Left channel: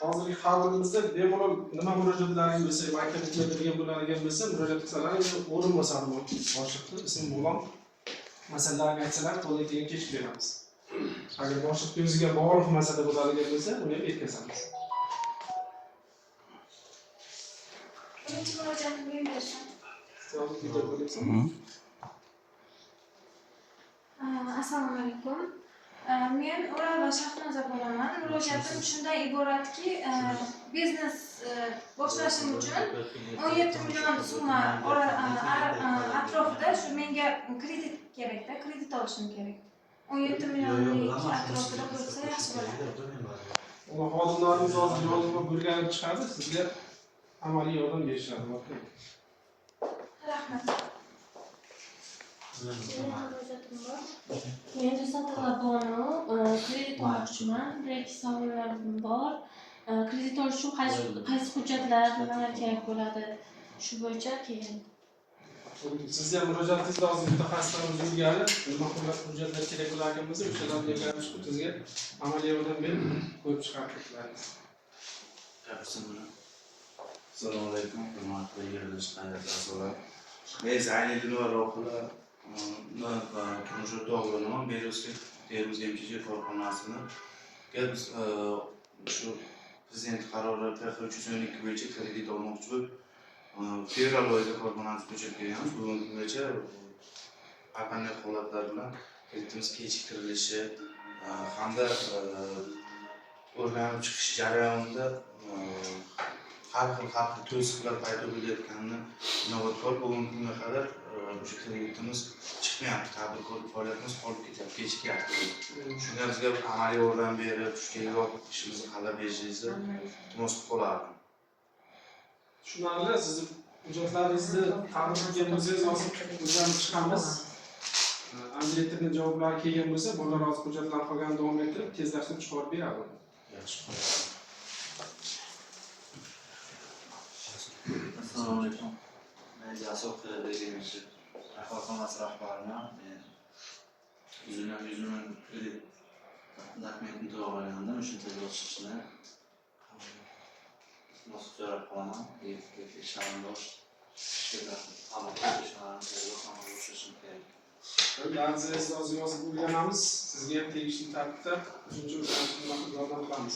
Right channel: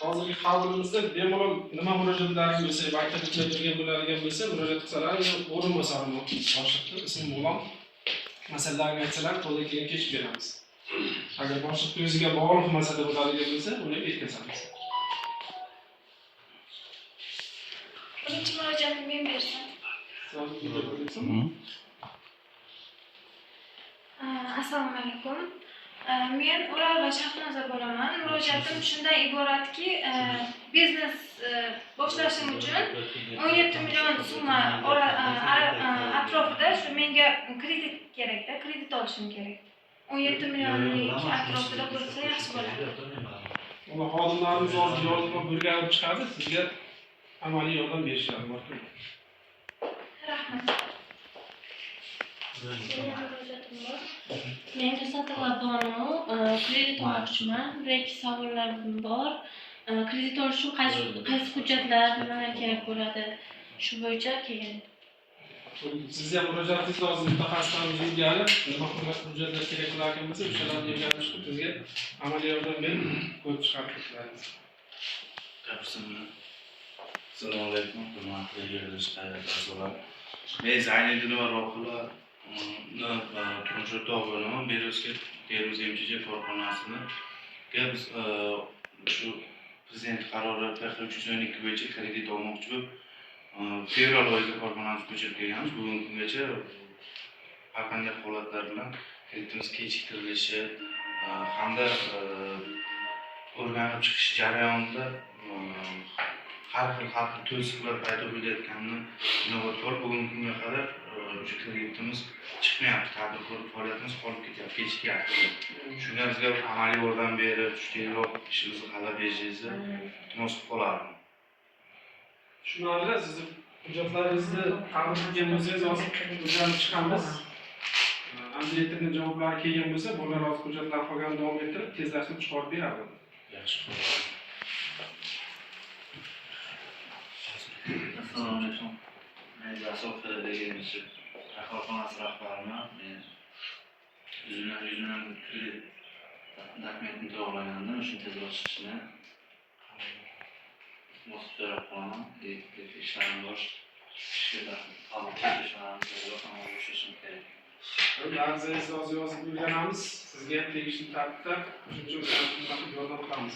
hozirgi havlimizda bemalol nima murojaatlaring bo'lsa, maktabga kirgan bo'ladigan bo'lsa, murojaat qilsalar, o'rin bo'lsa boshliqni ismi bilan masalalarni aytsalar, qo'ldan kelgan kechib beramiz. Agar boshliq o'ziga bog'liq masala bo'ladigan bo'lsa, uni yetkazamiz. Birinchi murojaatni men bersam. Assalomu alaykum. Men Ural va Shahnoza bo'laman. Murojaatim shundan iboratki, biznes boshlashim uchun 17 million so'm atrofida shu menga kredit kerakda, kredit olishim kerak. 17 millionlik atrofida bo'lsa yaxshi bo'ladi. Uni xodimlarimiz hozir yozma burganib chiqadi, sizga amaliy yordam berishadi. Rahmat. Men Risatilla Bonu kredit olmoqchiman. Bir-ikki savollarim bor. Kredit olish uchun qaysi hujjatlar, nimalar kerak bo'ladi? Shu bo'yicha keyin. Sizga ham murojaatingiz lozim, mutaxassislarimiz ilgari nima hujjatlar kerak bo'larkan bo'lsa, o'shalarni o'rganib chiqib sizga amaliy yordam berib ko'rib chiqarib beramiz. Assalomu alaykum, hurmatli yurtdosh qayrdoshlar. Men Zaynidin va Rohila turmush o'rtog'i bo'laman. Beruzga Termiz MCJ korxonasini biz shu prezident qarori PX312 bo'yicha kredit olmoqchi bo'lib, fevral oyida korxonamiz ko'chirib kelganmiz. Bugungi kungacha har qanday holatlar bilan kreditimiz kechiktirilishi hamda o'rganib chiqish jarayonida har xil to'siqlar paydo bo'layotganini inobatga bugungi kunga qadar o'sha kreditimiz chiqmayapti, tadbirkorlik faoliyatimiz qolib ketyapti, kechikyapti. Shunga bizga amaliy yordam berib, tezroq ishimizni hallab berishingizni iltimos qilib qolardim. Tushunarli, sizni hujjatlaringizni taqdim qilgan bo'lsangiz, hozir o'rganib chiqamiz. Andiyetirning javoblari kelgan bo'lsa, bular hozir hujjatlar qolganini davom ettirib, tezlashtirib chiqarib beradi. Yaxshi. Assalomu alaykum. Men Jasur degan korxonasi rahbariman. Men yüzünden kredit dokumentini to'g'rilagandim. Shuni tezroq chiqishini bosib so'rab qolaman. Ishlarim bor. Ishga qabul qilishim tezroq amalga oshirishim kerak. Ba'zingiz hozir yozib o'rganamiz. Sizga tegishli tartibda qo'shimcha yordam qilamiz.